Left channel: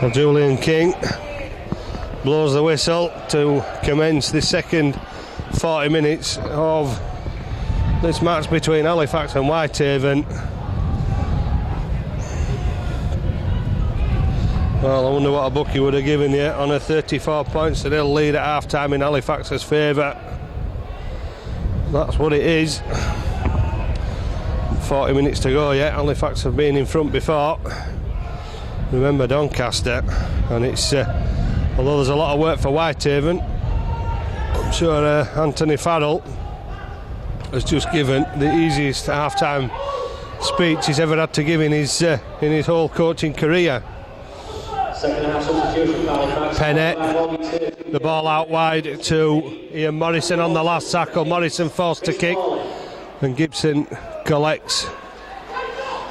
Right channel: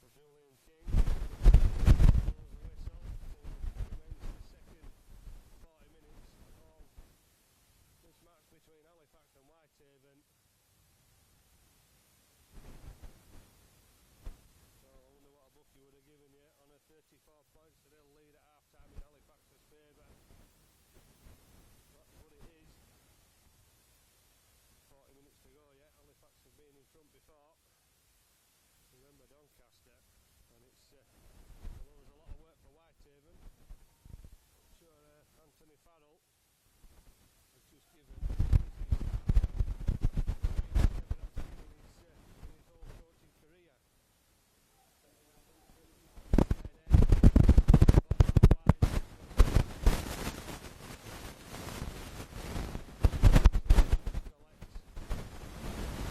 Well, Julian King blows the whistle to commence the second 40 minutes of this match between Halifax and Whitehaven. Well, I wonder what a bookie would have given you on a 34 points to nil lead at half time in Halifax's favour. That's what it is. 40 minutes to go yet. Halifax have been in front before. Remember Doncaster, and it's although there's a lot of work for Whitehaven, I'm sure Anthony Farrell has just given the easiest half-time speech he's ever had to give in his whole coaching career. Pennant, the ball out wide to Ian Morrison on the last tackle. Morrison forced to kick, and Gibson collects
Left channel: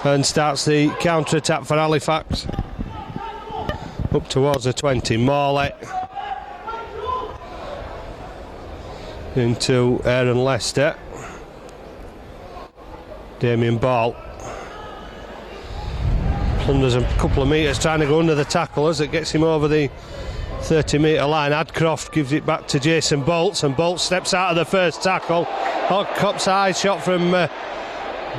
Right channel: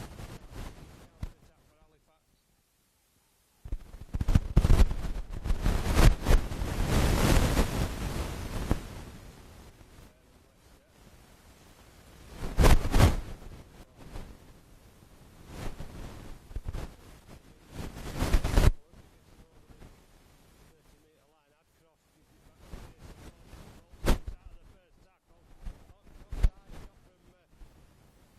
and starts the counter-attack for Halifax. Up towards the 20, Morley into Aaron Lester. Damien Ball plunders a couple of metres trying to go under the tackle as it gets him over the 30-metre line. Adcroft gives it back to Jason Bolts, and Bolts steps out of the first tackle. Cop's high shot from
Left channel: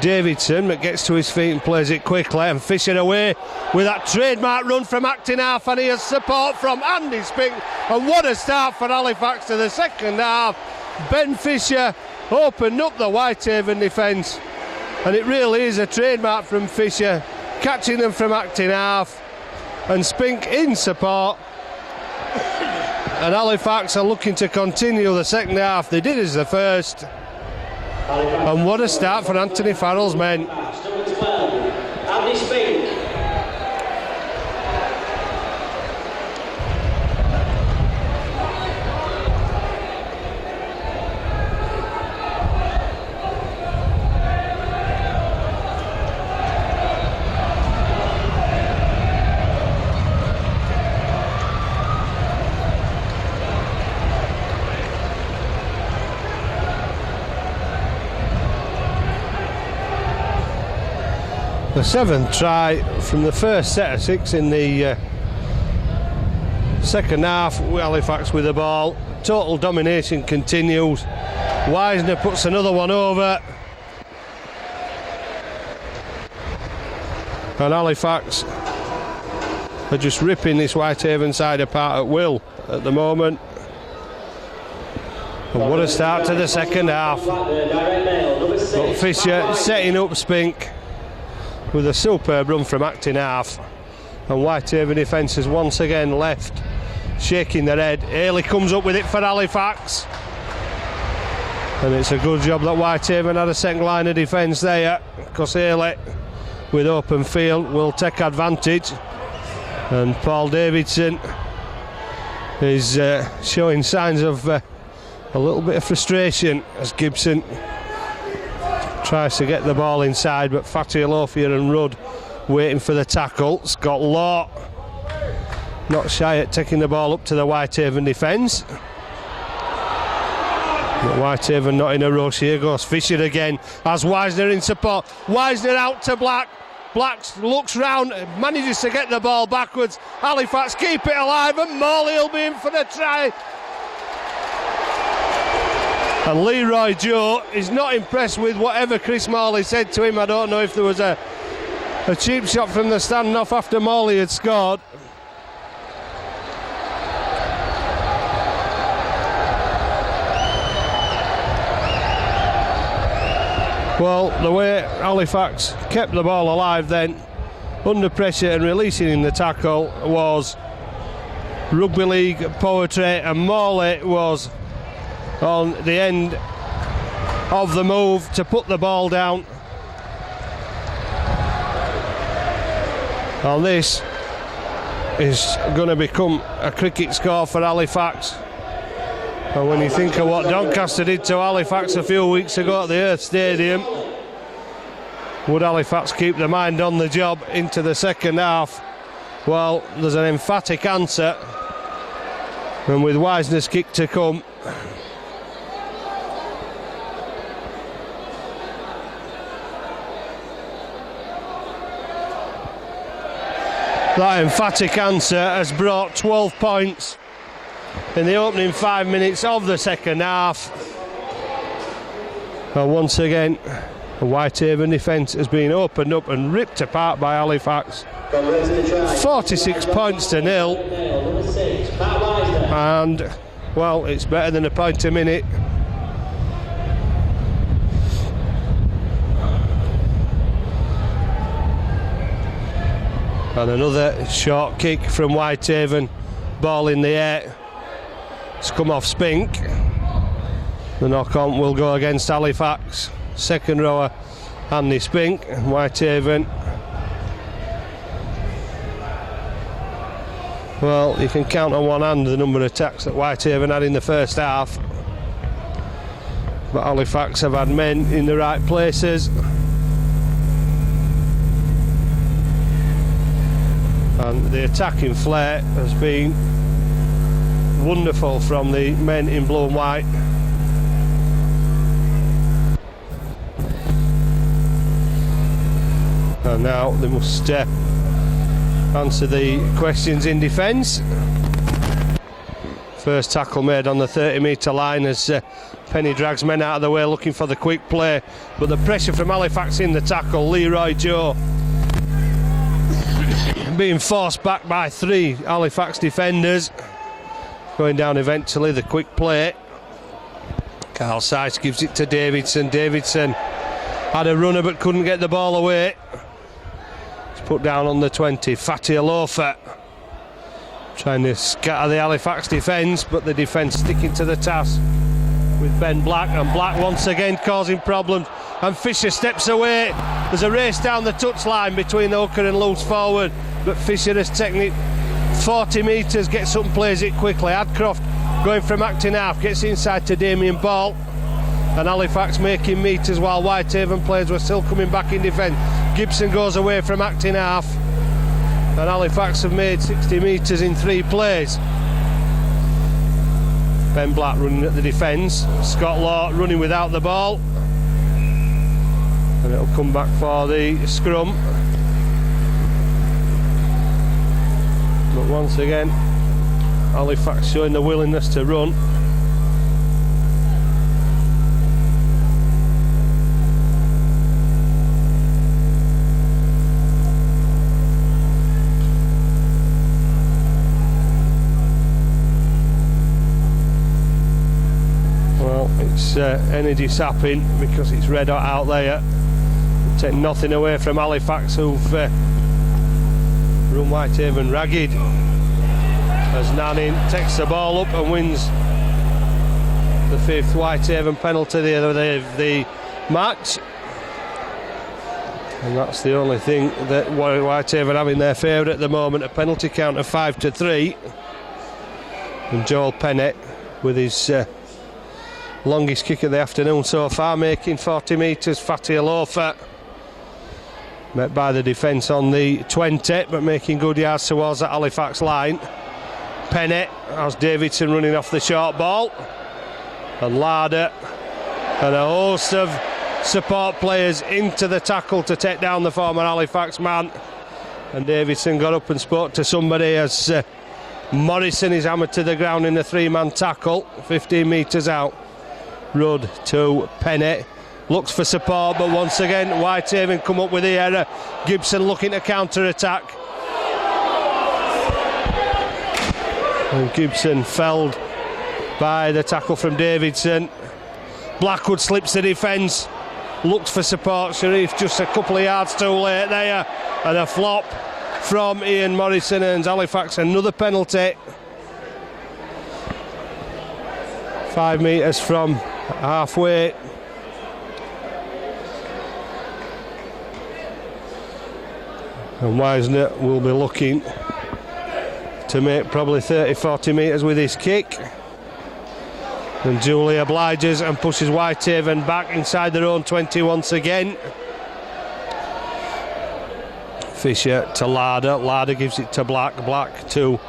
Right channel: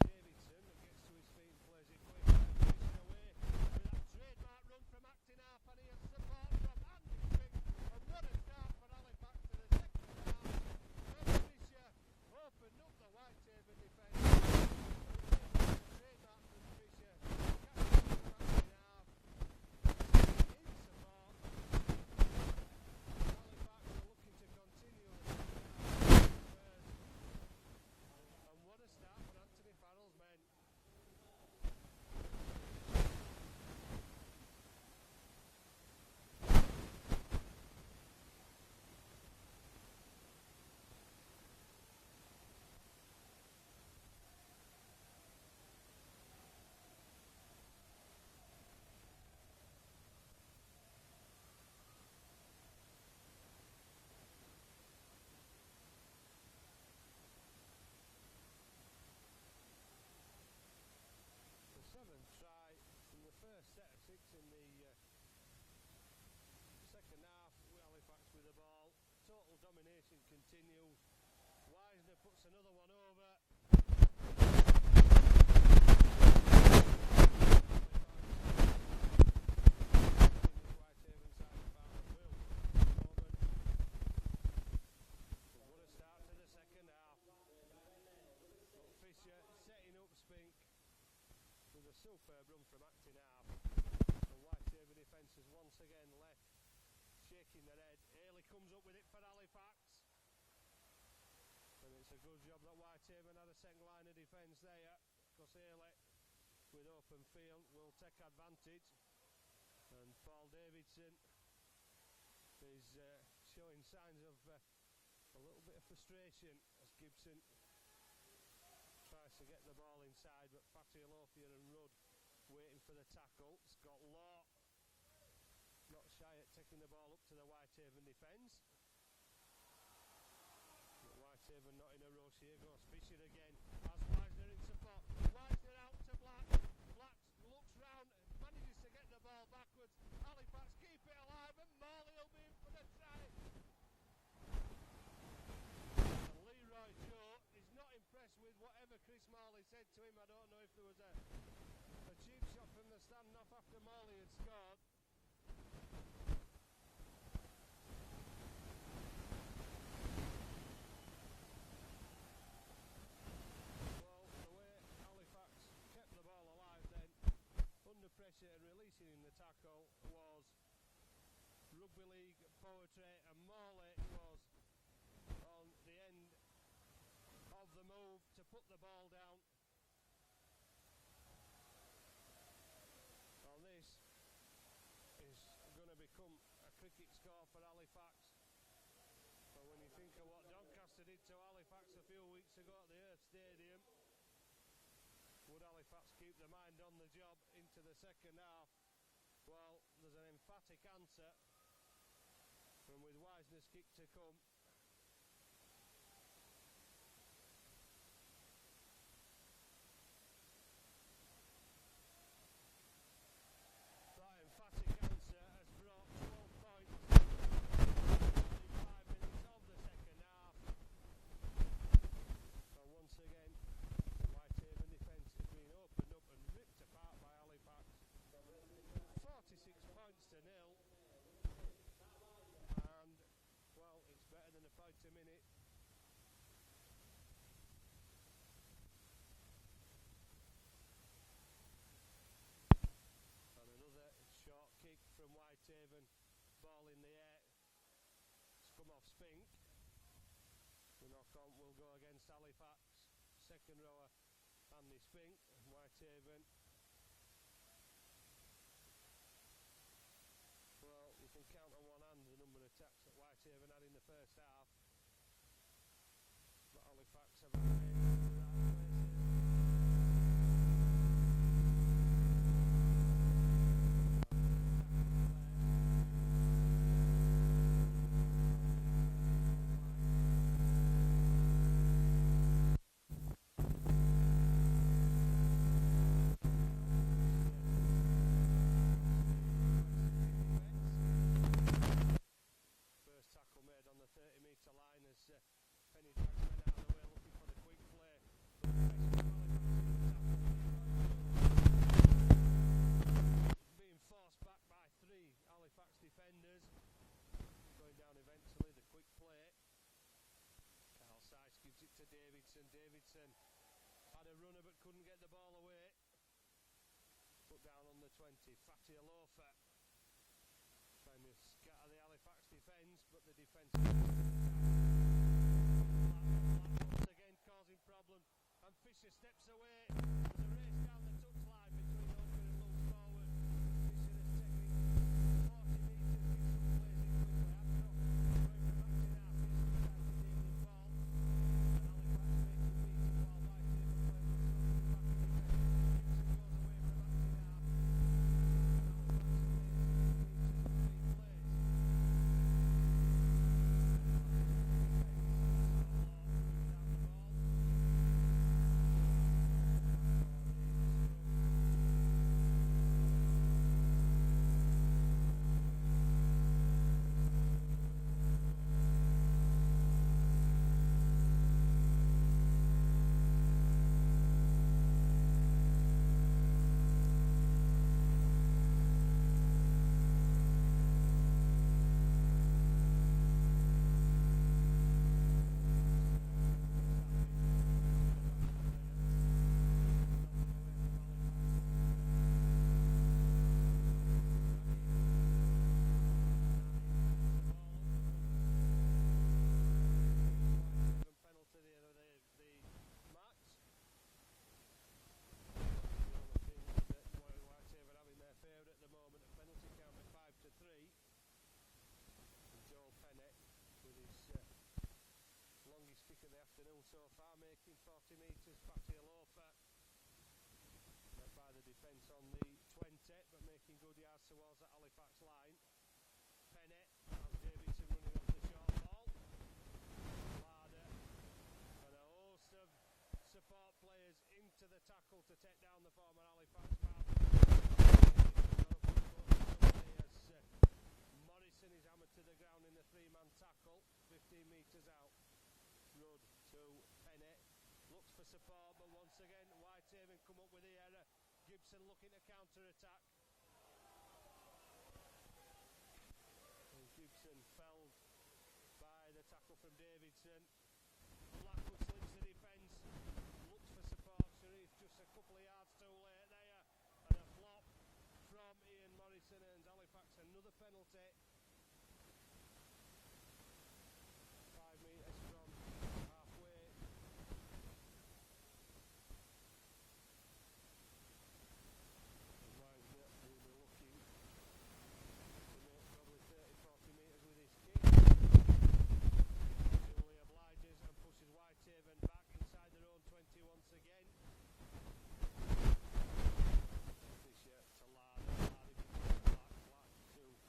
Davidson, but gets to his feet and plays it quickly, and Fisher away with that trademark run from acting half, and he has support from Andy Spink, and what a start for Halifax to the second half. Ben Fisher opened up the Whitehaven defence, and it really is a trademark from Fisher, catching them from acting half, and Spink in support, and Halifax are looking to continue the second half. They did as the first. And what a start for Anthony Farrell's men. Andy Spink. The seventh try from the first set of six in the second half. Halifax with the ball. Total domination continues. Wisner puts another one over. And Halifax are just ripping this Whitehaven side apart at will at the moment. And what a start to the second half. But Fisher setting up Spink with a superb run from acting half, and Whitehaven defence has once again left shaking their head. Haley comes up with it for Halifax, and it's a good job that Whitehaven had a second line of defence there, because Haley with open field will take advantage, and Paul Davidson is showing signs of a little bit of frustration as Gibson tries to get the ball inside, but Fatty Lofia and Rudd waiting for the tackle. Scott Law not shy at taking the ball up to the Whitehaven defence, but Whitehaven not in a rush. Here goes Fisher again as Wisner in support. Wisner out to Black. Black looks round, manages to get the ball backwards. Halifax keep it alive, and Morley will be in for the try. And Leroy Joe is not impressed with whatever Chris Morley said to him. I don't know if there was a cheap shot from the standoff after Morley had scored. Well, the way Halifax kept the ball alive then, under pressure and releasing in the tackle, was rugby league poetry, and Morley was on the end of the move to put the ball down. And this is going to become a cricket score for Halifax. And when you think of what Doncaster did to Halifax a few weeks ago at the Earth Stadium, would Halifax keep their mind on the job into the second half? Well, there's an emphatic answer, and with Wisner's kick to come, That emphatic answer has brought 12 points in the opening 5 minutes of the second half. And once again, the Whitehaven defence has been opened up and ripped apart by Halifax. 46 points to 0. And, well, it's better than a point a minute. And another short kick from Whitehaven. Ball in the air. It's come off Spink. The knock-on will go against Halifax. Second rower, Andy Spink. Whitehaven. Well, you can count on one hand the number of attacks that Whitehaven had in the first half. But Halifax have had men in the right places. And the attacking flair has been wonderful from the men in blue and white. And now they must answer the questions in defence. First tackle made on the 30-metre line as Penny drags men out of the way looking for the quick play. But the pressure from Halifax in the tackle, Leroy Joe being forced back by 3 Halifax defenders. Going down eventually, the quick play. Carl Sykes gives it to Davidson. Davidson had a runner but couldn't get the ball away. It's put down on the 20. Fatty Alofa trying to scatter the Halifax defence, but the defence sticking to the task with Ben Black, and Black once again causing problems, and Fisher steps away. There's a race down the touchline between the hooker and loose forward, but Fisher has taken it 40 metres, gets up and plays it quickly. Adcroft going from acting half, gets inside to Damien Ball, and Halifax making metres while Whitehaven players were still coming back in defence. Gibson goes away from acting half, and Halifax have made 60 metres in 3 plays. Ben Black running at the defence, Scott Law running without the ball, and it'll come back for the scrum. But once again, Halifax showing the willingness to run. It's energy sapping because it's red hot out there. Take nothing away from Halifax, who've run Whitehaven ragged, as Nanning takes the ball up and wins the 5th Whitehaven penalty of the match. And that's the only thing that Whitehaven have in their favour at the moment, a penalty count of 5-3. And Joel Pennett with his longest kick of the afternoon so far, making 40 metres. Fatty Alofa met by the defence on the 20, but making good yards towards that Halifax line. Pennett has Davidson running off the short ball, and Larder and a host of support players into the tackle to take down the former Halifax man. And Davidson got up and spoke to somebody as Morrison is hammered to the ground in a 3-man tackle 15 metres out. Rudd to Pennett, looks for support, but once again Whitehaven come up with the error. Gibson looking to counter-attack, and Gibson felled by the tackle from Davidson. Blackwood slips the defence, looks for support. Sharif just a couple of yards too late there, and a flop from Ian Morrison earns Halifax another penalty. 5 metres from halfway. And Wisner will be looking to make probably 30-40 metres with his kick. And Julie obliges and pushes Whitehaven back inside their own 20 once again. Fisher to Larder. Larder gives it to Black. Black to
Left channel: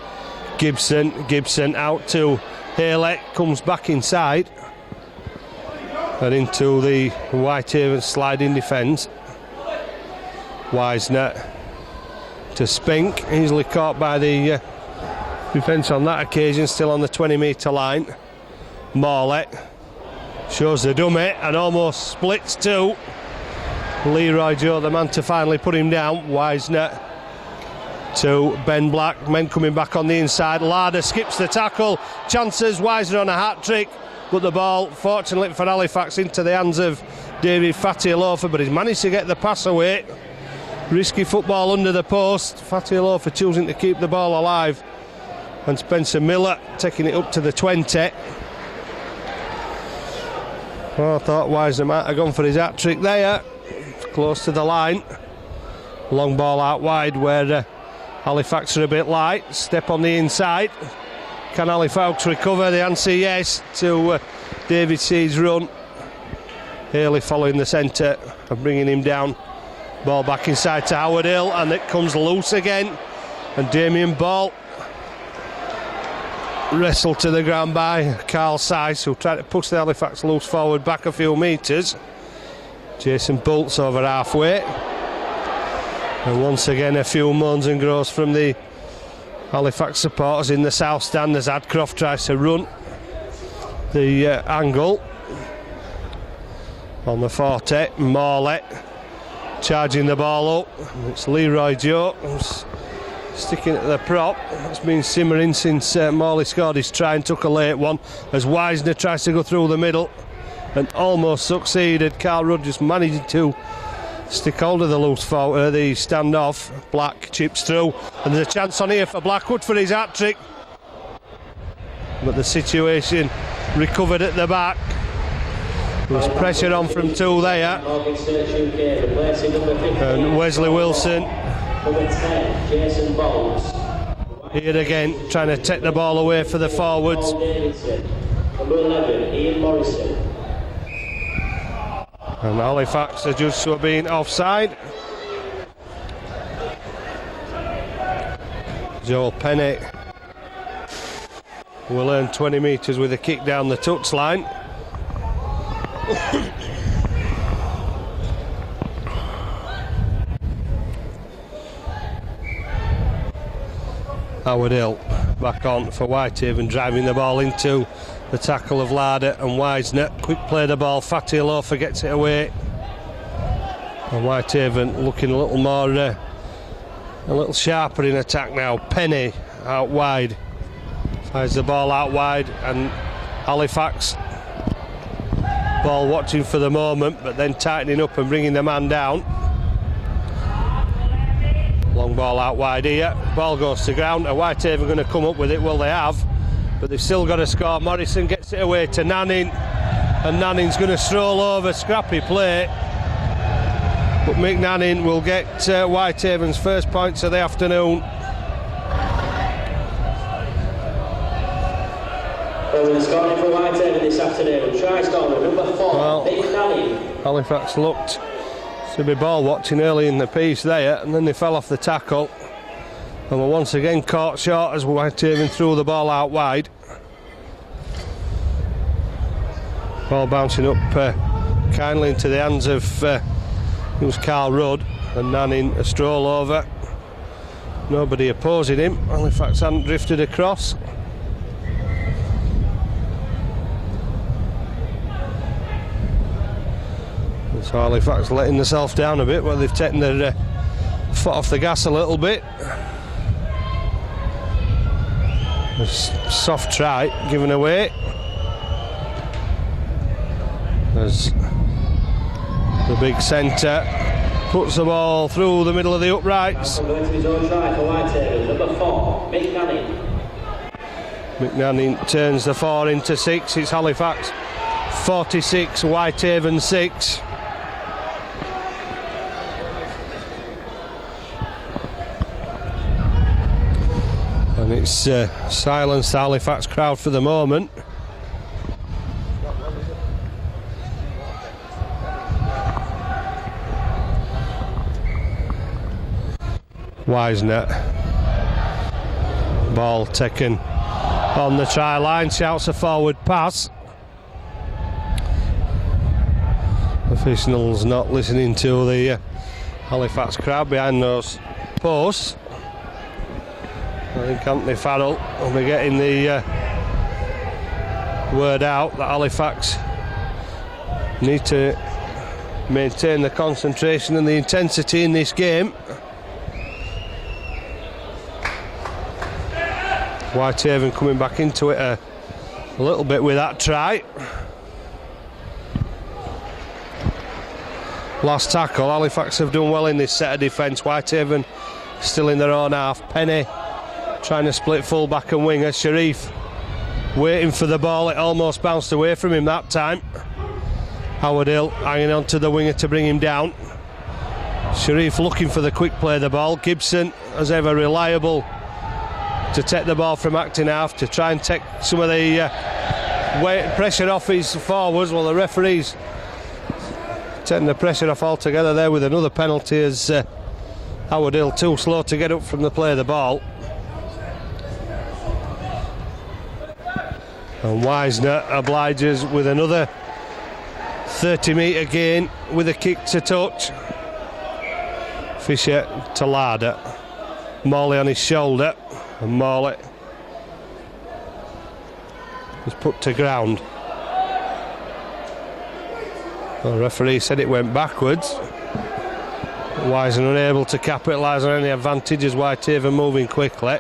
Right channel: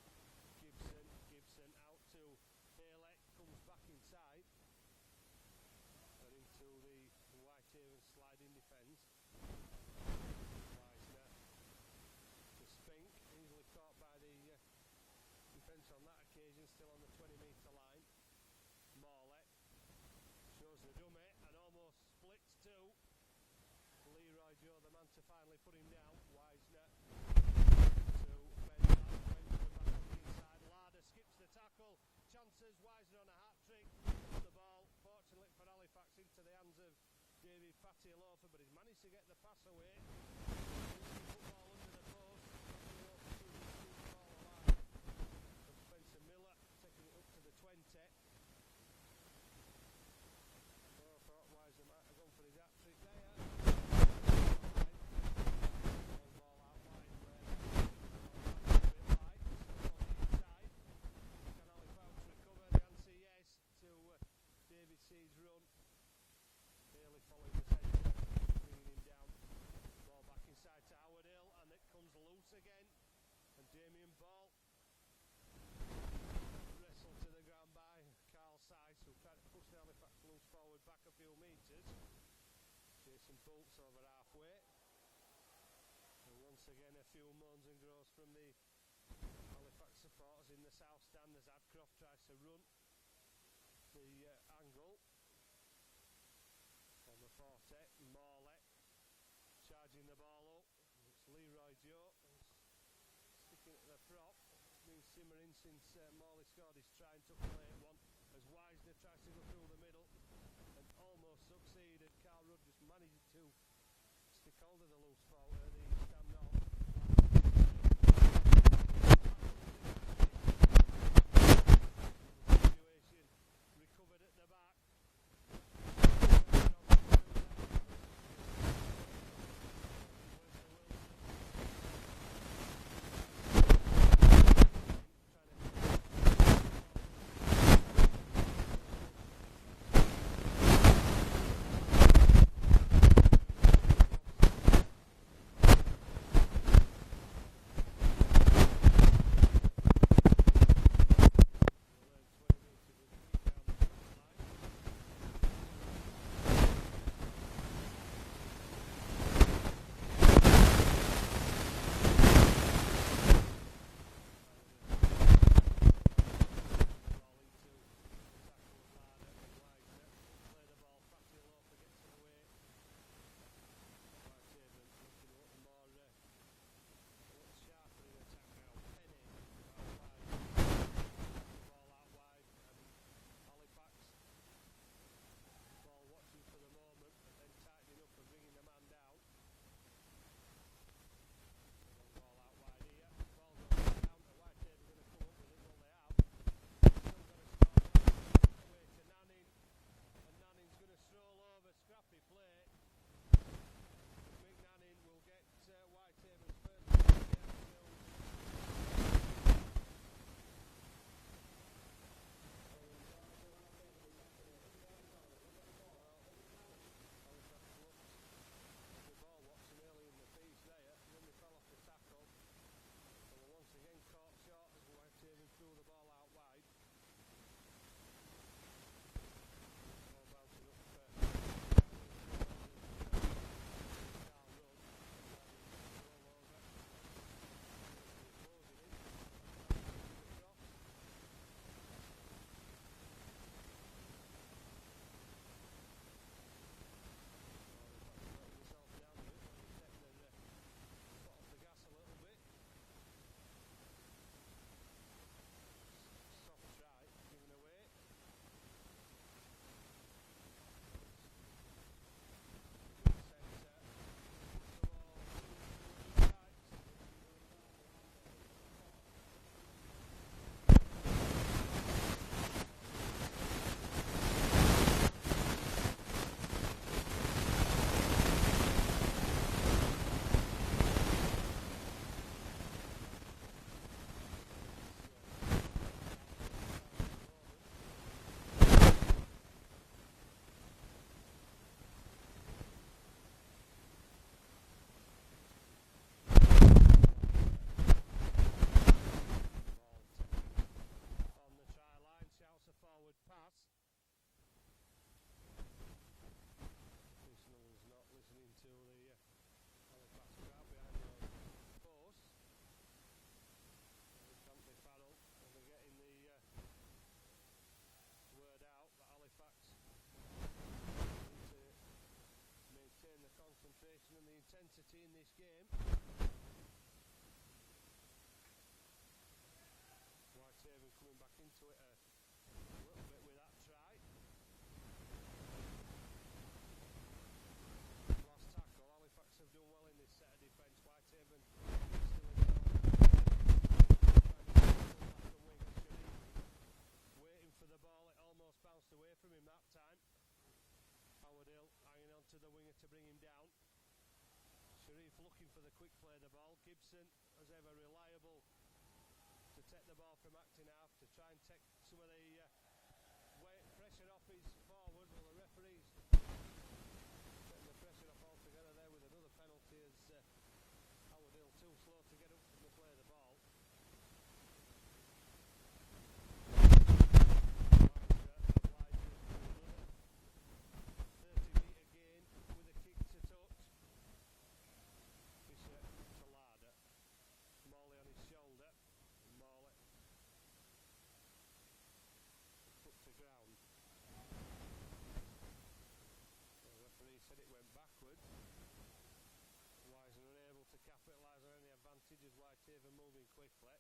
Gibson. Gibson out to Haley. Comes back inside and into the Whitehaven sliding defence. Wisner to Spink, easily caught by the defence on that occasion, still on the 20-metre line. Morley shows the dummy and almost splits two. Leroy Joe, the man to finally put him down. Wisner to Ben Black, men coming back on the inside. Larder skips the tackle, chances Wisner on a hat-trick, but the ball, fortunately for Halifax, into the hands of David Fatialofa, but he's managed to get the pass away. Risky football under the post. Fatialofa choosing to keep the ball alive, and Spencer Miller taking it up to the 20. Oh, I thought Wisner might have gone for his hat-trick there, close to the line. Long ball out wide where Halifax are a bit light. Step on the inside. Can Halifax recover? The answer yes to David Seed's run. Haley following the centre and bringing him down. Ball back inside to Howard Hill, and it comes loose again. And Damien Ball wrestled to the ground by Carl Sice, who tried to push the Halifax loose forward back a few metres. Jason Bolt's over halfway. And once again a few moans and groans from the Halifax supporters in the south stand as Adcroft tries to run the angle on the 40. Morley charging the ball up. It's Leroy Joe who's sticking at the prop. It's been simmering since Morley scored his try and took a late one, as Wisner tries to go through the middle and almost succeeded. Carl Rudd just managed to stick hold of the loose forward, the standoff. Black chips through, and there's a chance on here for Blackwood for his hat-trick, but the situation recovered at the back. There's pressure on from two there, and Wesley Wilson here again trying to take the ball away for the forwards. Number 11, Ian Morrison. And Halifax are just being offside. Joel Penny will earn 20 metres with a kick down the touchline. Howard Hill back on for Whitehaven, driving the ball into the tackle of Larder and Wisner. Quick play the ball, Fatialofa gets it away. And Whitehaven looking a little more, a little sharper in attack now. Penny out wide, fires the ball out wide, and Halifax ball watching for the moment, but then tightening up and bringing the man down. Long ball out wide here, ball goes to ground. Are Whitehaven going to come up with it? Well, they have, but they've still got to score. Morrison gets it away to Nanning, and Nanning's going to stroll over. Scrappy play, but Mick Nanning will get Whitehaven's first points of the afternoon. Well, scoring for Whitehaven this afternoon. Try scorer number 4, Mick Nanning. Halifax looked to be ball watching early in the piece there, and then they fell off the tackle and were once again caught short as Whitehaven threw the ball out wide. Ball bouncing up kindly into the hands of it was Carl Rudd, and Nanning a stroll over. Nobody opposing him. Halifax hadn't drifted across. So Halifax letting themselves down a bit, well, they've taken their foot off the gas a little bit. A soft try given away as the big centre puts the ball through the middle of the uprights. Going to his own try for Whitehaven, number 4, Mick Nanning. Mick Nanning turns the 4 into 6. It's Halifax 46, Whitehaven 6. And it's silenced the Halifax crowd for the moment. Wisner, ball taken on the try line, shouts a forward pass. Officials not listening to the Halifax crowd behind those posts. I think Anthony Farrell will be getting the word out that Halifax need to maintain the concentration and the intensity in this game. Whitehaven coming back into it a little bit with that try. Last tackle, Halifax have done well in this set of defence. Whitehaven still in their own half. Penny trying to split full back and winger. Sharif waiting for the ball, it almost bounced away from him that time. Howard Hill hanging on to the winger to bring him down. Sharif looking for the quick play of the ball. Gibson, as ever, reliable to take the ball from acting half, to try and take some of the pressure off his forwards. Well, the referee's taking the pressure off altogether there with another penalty, as Howard Hill too slow to get up from the play of the ball. And Wisner obliges with another 30-metre gain with a kick to touch. Fisher to Larder. Morley on his shoulder, and Morley was put to ground. The referee said it went backwards. Wisner unable to capitalise on any advantage as Whitehaven moving quickly.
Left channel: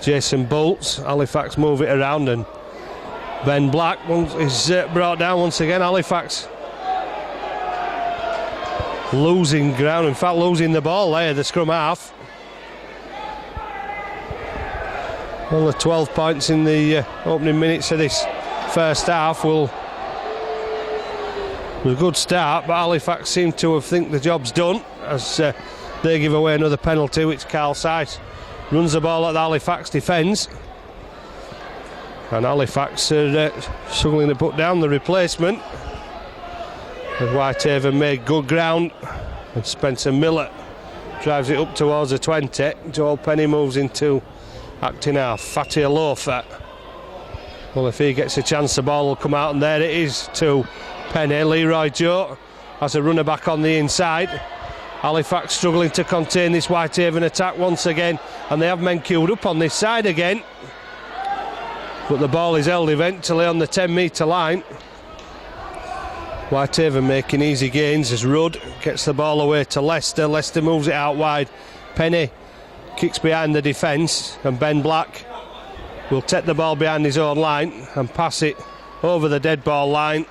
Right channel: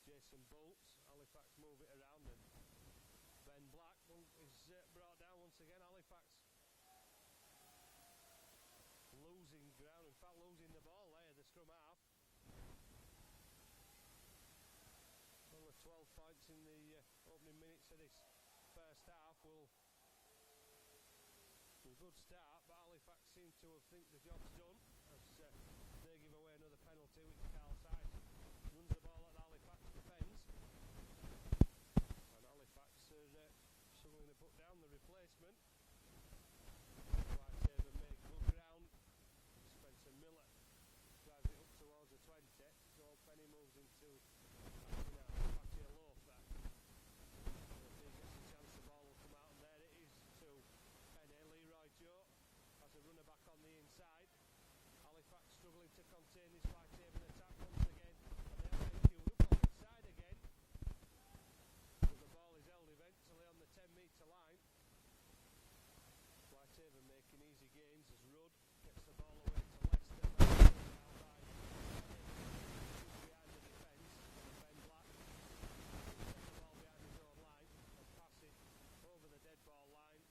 Jason Bolts, Halifax move it around, and Ben Black is brought down once again. Halifax losing ground, in fact losing the ball there, the scrum half. Only 12 points in the opening minutes of this first half. Was a good start, but Halifax seem to have think the job's done as they give away another penalty, which Carl Seiss runs the ball at the Halifax defence. And Halifax are struggling to put down the replacement. As Whitehaven made good ground, and Spencer Miller drives it up towards the 20. Joel Penny moves into acting half. Fatty Alofa. Well, if he gets a chance, the ball will come out, and there it is to Penny. Leroy Joe has a runner back on the inside. Halifax struggling to contain this Whitehaven attack once again, and they have men queued up on this side again. But the ball is held eventually on the 10-metre line. Whitehaven making easy gains as Rudd gets the ball away to Leicester. Leicester moves it out wide. Penny kicks behind the defence, and Ben Black will take the ball behind his own line and pass it over the dead ball line,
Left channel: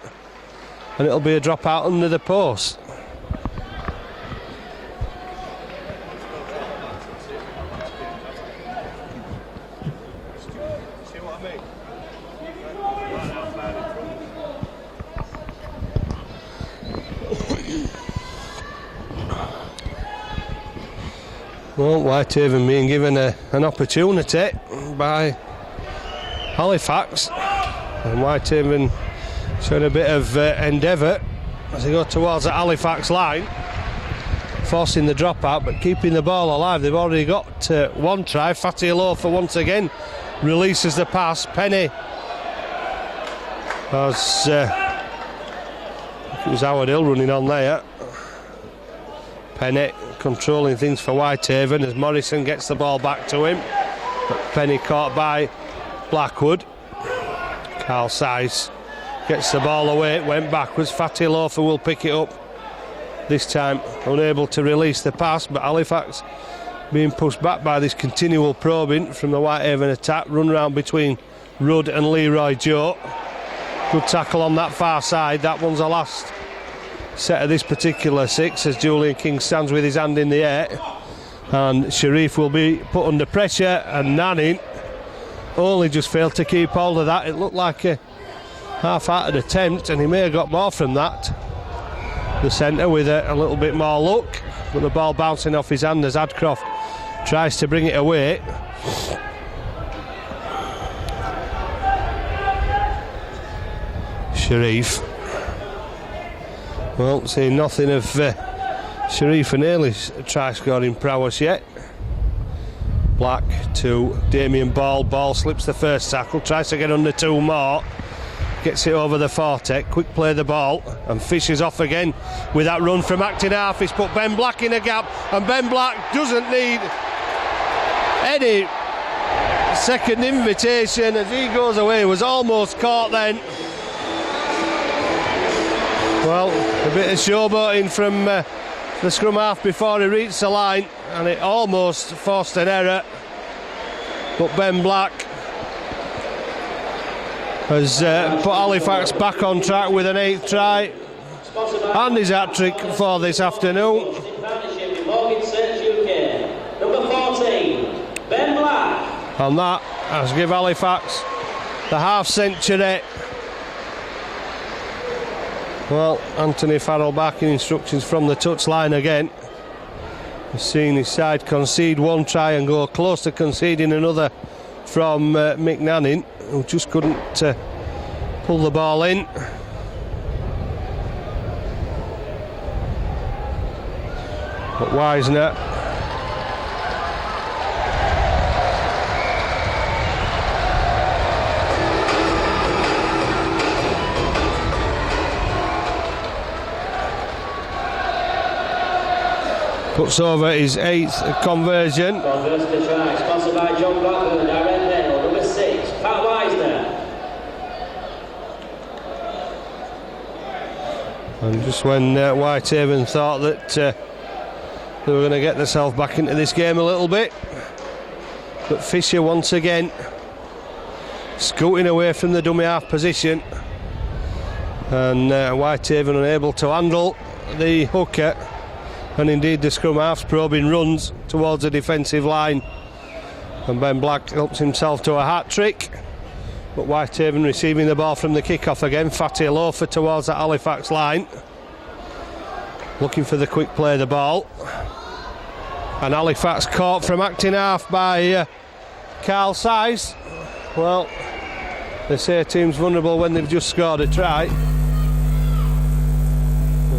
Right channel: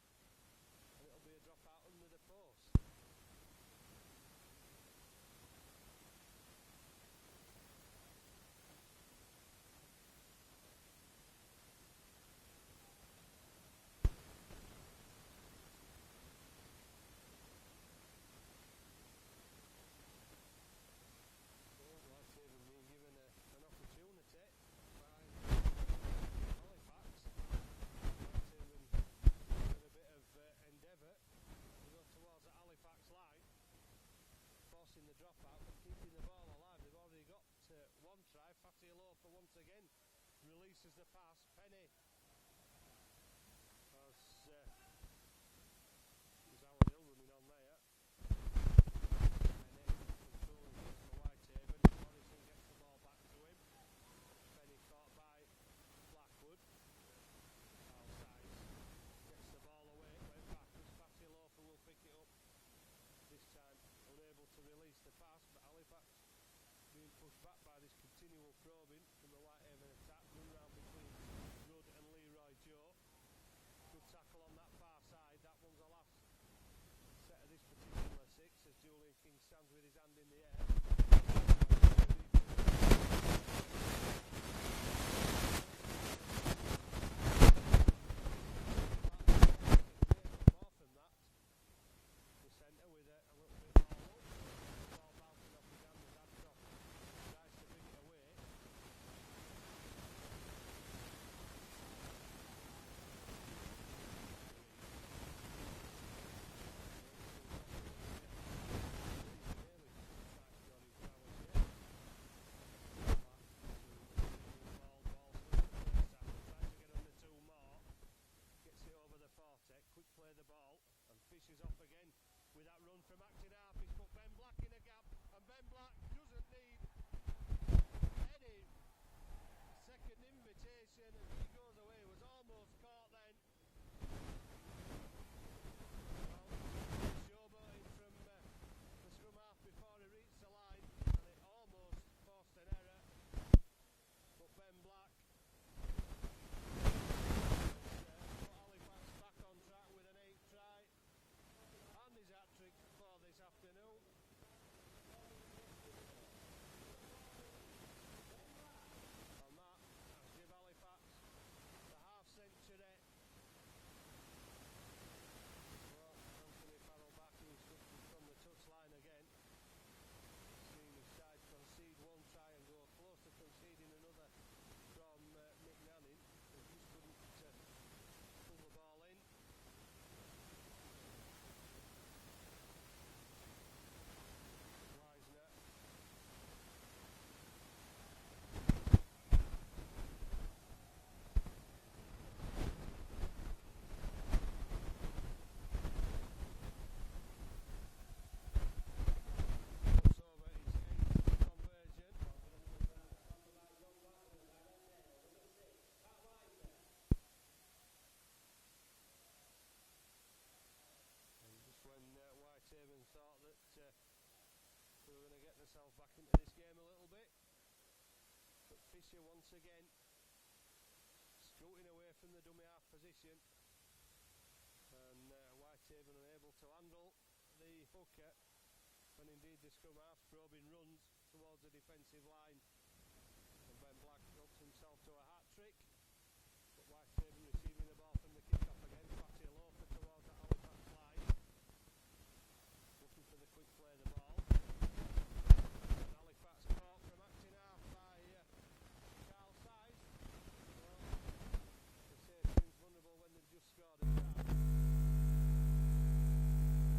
and it'll be a drop out under the post. Well, Whitehaven being given an opportunity by Halifax, and Whitehaven showing a bit of endeavour as they go towards the Halifax line, forcing the dropout but keeping the ball alive. They've already got one try. Fatty Alofa once again releases the pass. Penny, as it was Howard Hill running on there. Penny controlling things for Whitehaven as Morrison gets the ball back to him, but Penny caught by Blackwood. Carl Seiss gets the ball away, it went backwards. Fatty Alofa will pick it up, this time unable to release the pass, but Halifax being pushed back by this continual probing from the Whitehaven attack. Run round between Rudd and Leroy Joe. Good tackle on that far side. That one's the last set of this particular six as Julian King stands with his hand in the air, and Sharif will be put under pressure, and Nanning only just failed to keep hold of that. It looked like a half-hearted attempt, and he may have got more from that. The centre with a little bit more luck, but the ball bouncing off his hand as Adcroft tries to bring it away. Sharif. Well, seeing nothing of Sharif and Ailey's try-scoring prowess yet. Black to Damien Ball. Ball slips the first tackle, tries to get under two more. Gets it over the Forte. Quick play the ball, and fishes off again with that run from acting half. He's put Ben Black in a gap, and Ben Black doesn't need any second invitation as he goes away. Was almost caught then. Well, a bit of showboating from the scrum half before he reached the line, and it almost forced an error. But Ben Black has put Halifax back on track with an 8th try and his hat-trick for this afternoon. Number 14, Ben Black. And that has given Halifax the half-century. Well, Anthony Farrell backing instructions from the touchline again. He's seen his side concede one try and go close to conceding another from Mick Nanning, who just couldn't pull the ball in. But Wisner puts over his 8th conversion. Converts the try, sponsored by John Blackburn, direct mail, number 6, Pat Wisner. And just when Whitehaven thought that they were going to get themselves back into this game a little bit, but Fisher once again scooting away from the dummy half position, and Whitehaven unable to handle the hooker, and indeed the scrum half's probing runs towards the defensive line, and Ben Black helps himself to a hat-trick. But Whitehaven receiving the ball from the kick-off again. Fatty Loafer towards that Halifax line, looking for the quick play of the ball, and Halifax caught from acting half by Carl Size. Well, they say a team's vulnerable when they've just scored a try.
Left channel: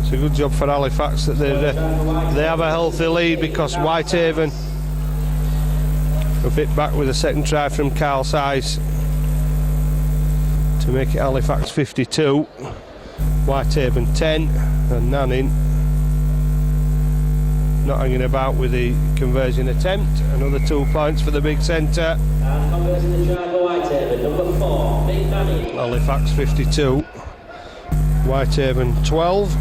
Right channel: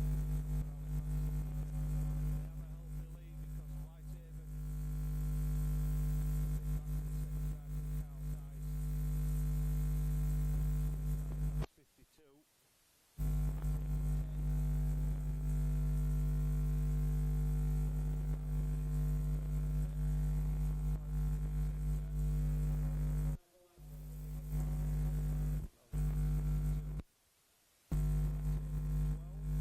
It's a good job for Halifax that they have a healthy lead, because Whitehaven have hit back with a second try from Carl Size to make it Halifax 52, Whitehaven 10, and Nanning not hanging about with the conversion attempt. Another 2 points for the big centre. And converting the try for Whitehaven, number 4, Mick Nanning. Halifax 52, Whitehaven 12.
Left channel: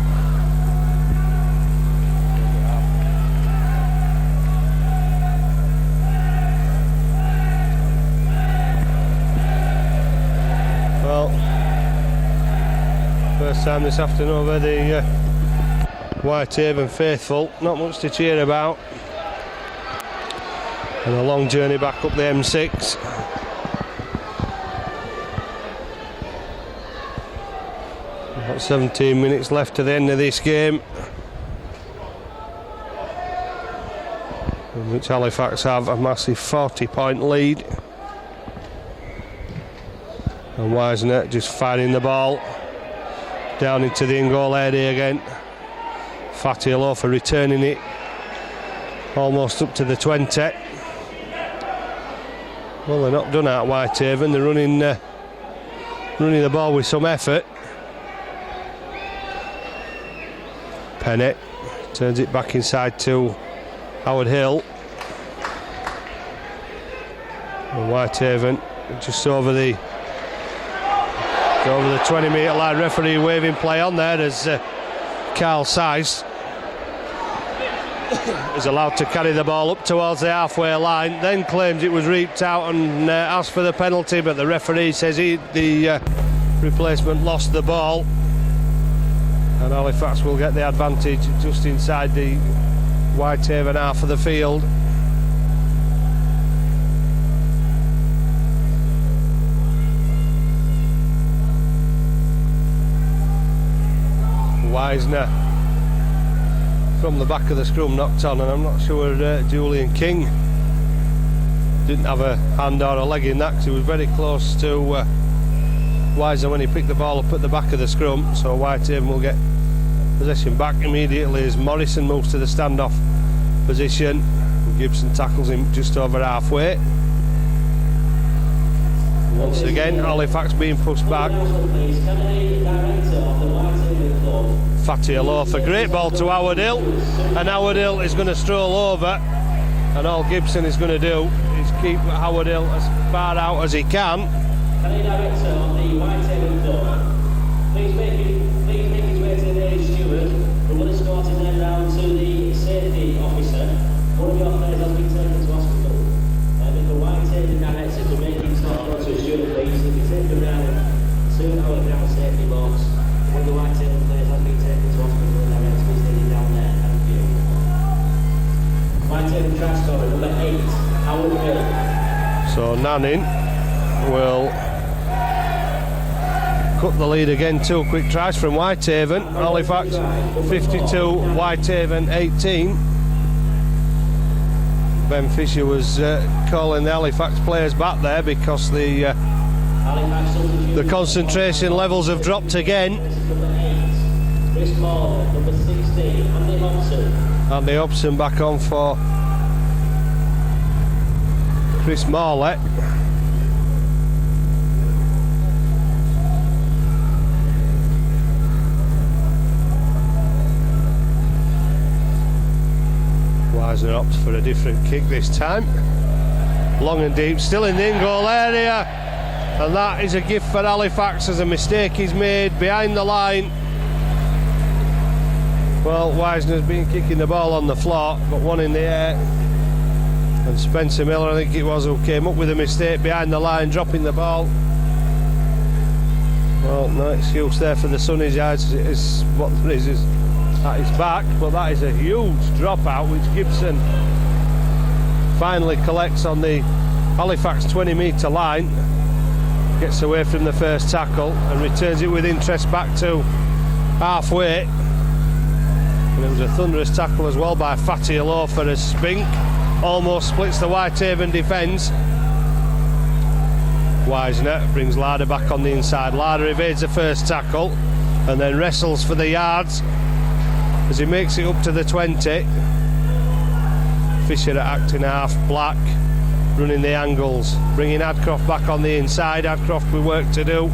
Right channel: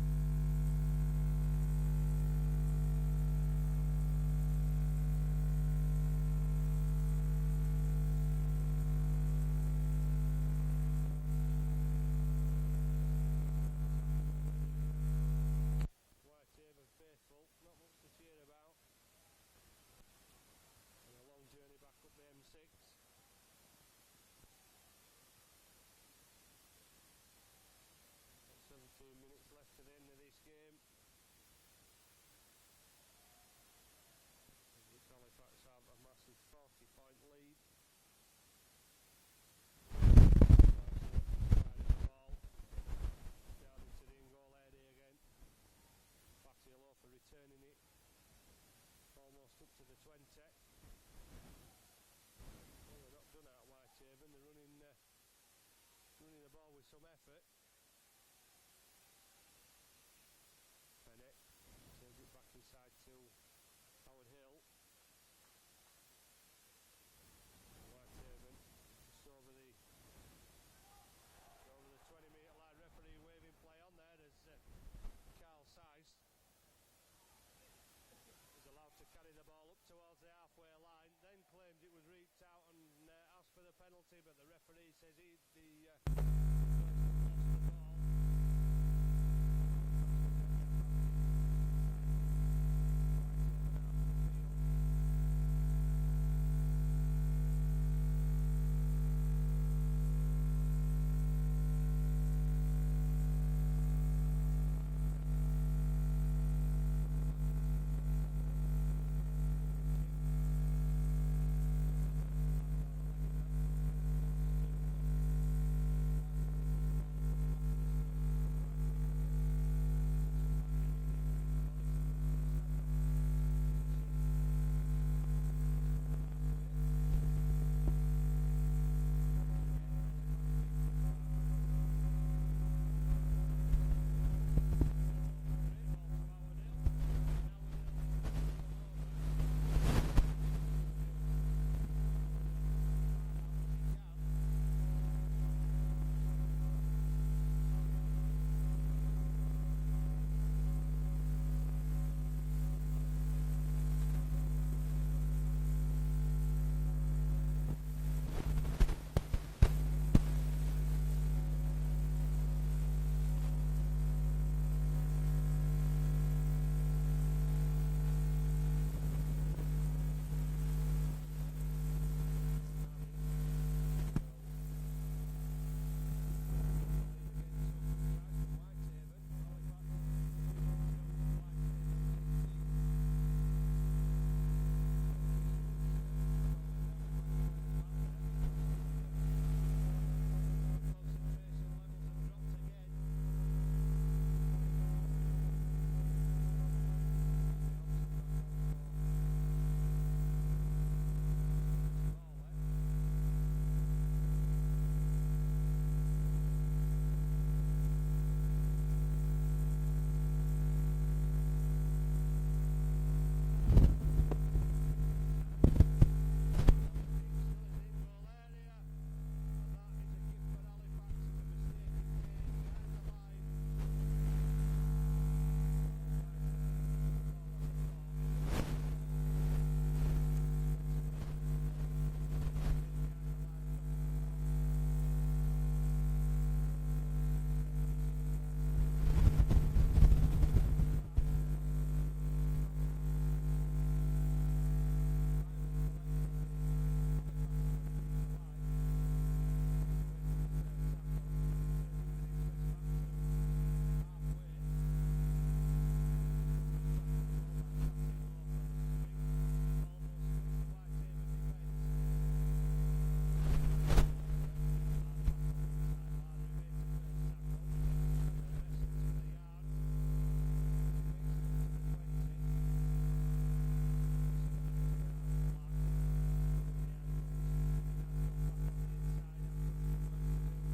First time this afternoon over the Whitehaven faithful. Not much to cheer about. And a long journey back up the M6. About 17 minutes left to the end of this game, in which Halifax have a massive 40-point lead. And Wisner just firing the ball down into the in-goal area again. Fatty Loafer returning it almost up to the 20. Well, they're not done at Whitehaven. They're running the ball with some effort. Pennant turns it back inside to Howard Hill. And Whitehaven just over the 20-metre line. Referee waving play on there as Carl Size is allowed to carry the ball up towards the halfway line, then claims it was reaped out and asked for the penalty, but the referee says the replacement lost the ball, and Halifax will get the advantage just inside the Whitehaven half of the field. Wisner from the back of the scrum knocked on, and I'm not sure Julian King didn't have a hand or a leg in that, because he was very close to Wisner when he picked the ball up at the back of the scrum. So Whitehaven will get possession back immediately as Morrison moves to the standoff position. Gibson tackles him just over halfway. Once again, Halifax being pushed back. Fatty Loafer, great ball to Howard Hill, and Howard Hill is going to stroll over, and all Gibson is going to do is keep Howard Hill as far out as he can. Any director on the Whitehaven floor, please make his way to the nearest steward, who will escort him then round to the safety officer. One of your players has been taken to hospital. If the Whitehaven director could make him stop to a steward, please, if he's taken round to our ground safety box. One of the Whitehaven players has been taken to hospital, and director is leading down there. Thank you. Whitehaven try scorer number 8, Howard Hill. So Nanning will cut the lead again. 2 quick tries from Whitehaven. Halifax 52, Whitehaven 18. Ben Fisher was calling the Halifax players back there because the concentration levels have dropped again. Andy Hobson back on for Chris Morley. Wisner opts for a different kick this time. Long and deep, still in the in-goal area. And that is a gift for Halifax as a mistake is made behind the line. Well, Wisner's been kicking the ball on the floor, but one in the air. And Spencer Miller, I think it was, who came up with a mistake behind the line, dropping the ball. Well, no excuse there for the Sunnies, is what there is at his back, but that is a huge dropout which Gibson finally collects on the Halifax 20-metre line, gets away from the first tackle and returns it with interest back to halfway. And it was a thunderous tackle as well by Fatty Alofa as Spink almost splits the Whitehaven defence. Wisner brings Larder back on the inside. Larder evades the first tackle and then wrestles for the yards as he makes it up to the 20. Fisher at acting half, Black running the angles, bringing Adcroft back on the inside. Adcroft with work to do.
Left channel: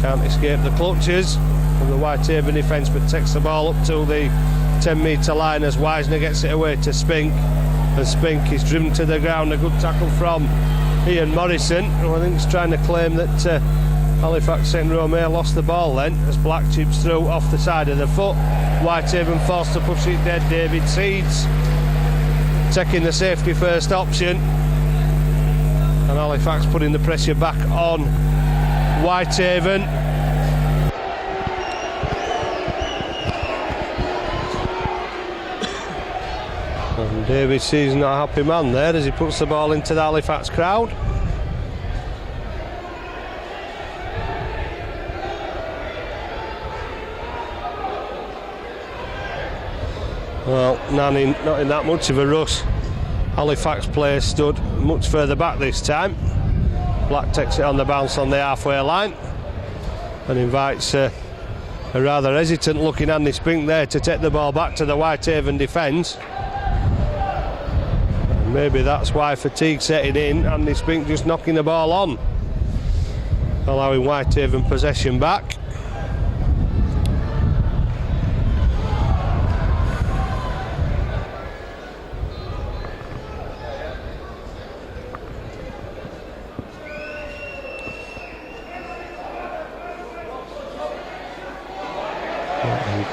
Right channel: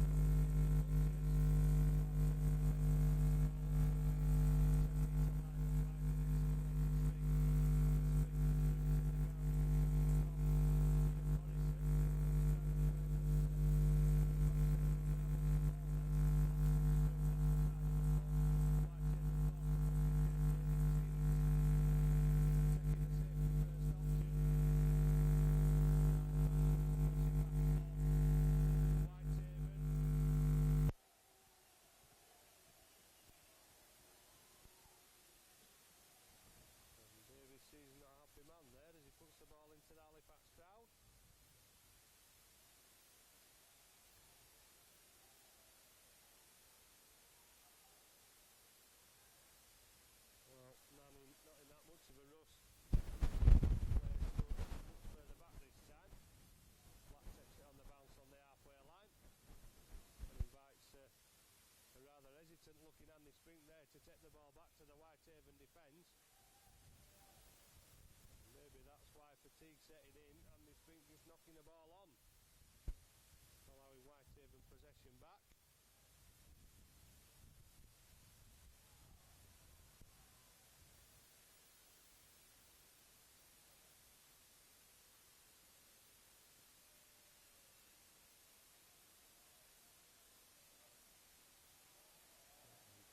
Can't escape the clutches of the Whitehaven defence, but takes the ball up to the 10-metre line as Wisner gets it away to Spink. And Spink is driven to the ground. A good tackle from Ian Morrison, who I think is trying to claim that Halifax St Romeo lost the ball then as Black chips through off the side of the foot. Whitehaven forced to push it dead. David Seeds taking the safety first option, and Halifax putting the pressure back on Whitehaven. And David Seeds not a happy man there as he puts the ball into the Halifax crowd. Well, Nanning not in that much of a rush. Halifax players stood much further back this time. Black takes it on the bounce on the halfway line and invites a rather hesitant looking Andy Spink there to take the ball back to the Whitehaven defence. Maybe that's why fatigue setting in. Andy Spink just knocking the ball on, allowing Whitehaven possession back.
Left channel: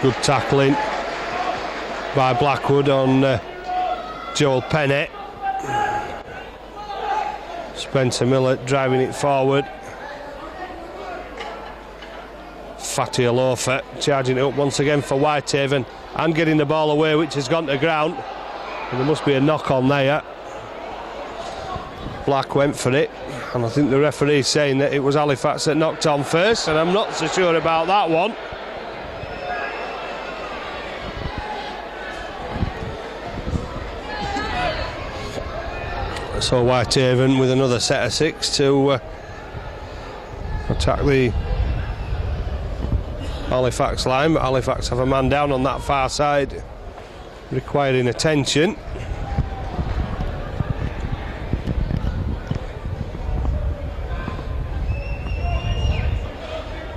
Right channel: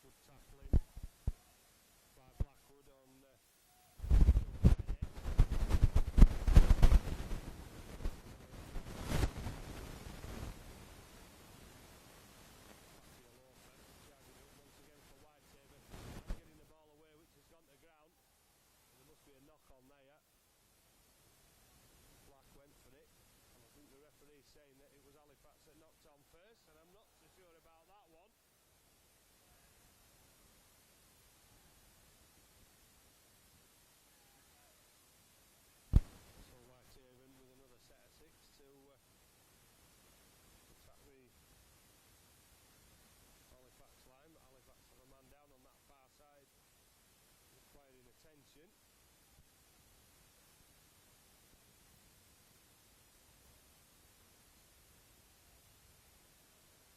Good tackling by Blackwood on Joel Pennant. Spencer Miller driving it forward. Fatty Alofa charging it up once again for Whitehaven and getting the ball away, which has gone to ground. And there must be a knock on there. Black went for it, and I think the referee's saying that it was Halifax that knocked on first, and I'm not so sure about that one. So Whitehaven with another set of 6 to attack the Halifax line, but Halifax have a man down on that far side requiring attention.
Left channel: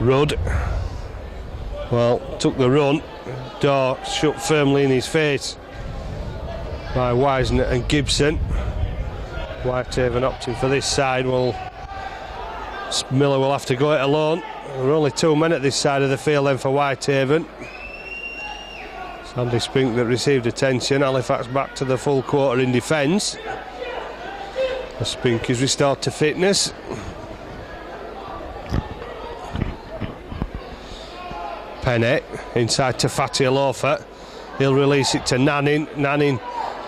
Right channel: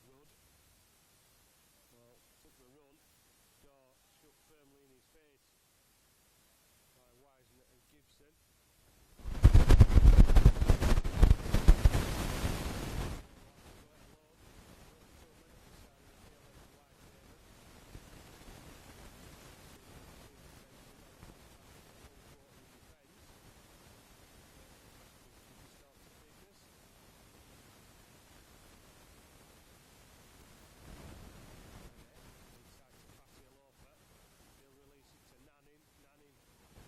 Rudd, well, took the run. Door shut firmly in his face by Wisner and Gibson. Whitehaven opting for this side. Well, Miller will have to go it alone. There are only 2 men at this side of the field then for Whitehaven. Sandy Spink that received attention. Halifax back to the full quarter in defence. Spink is restored to fitness. Pennant inside to Fatty Alofa. He'll release it to Nanning. Nanning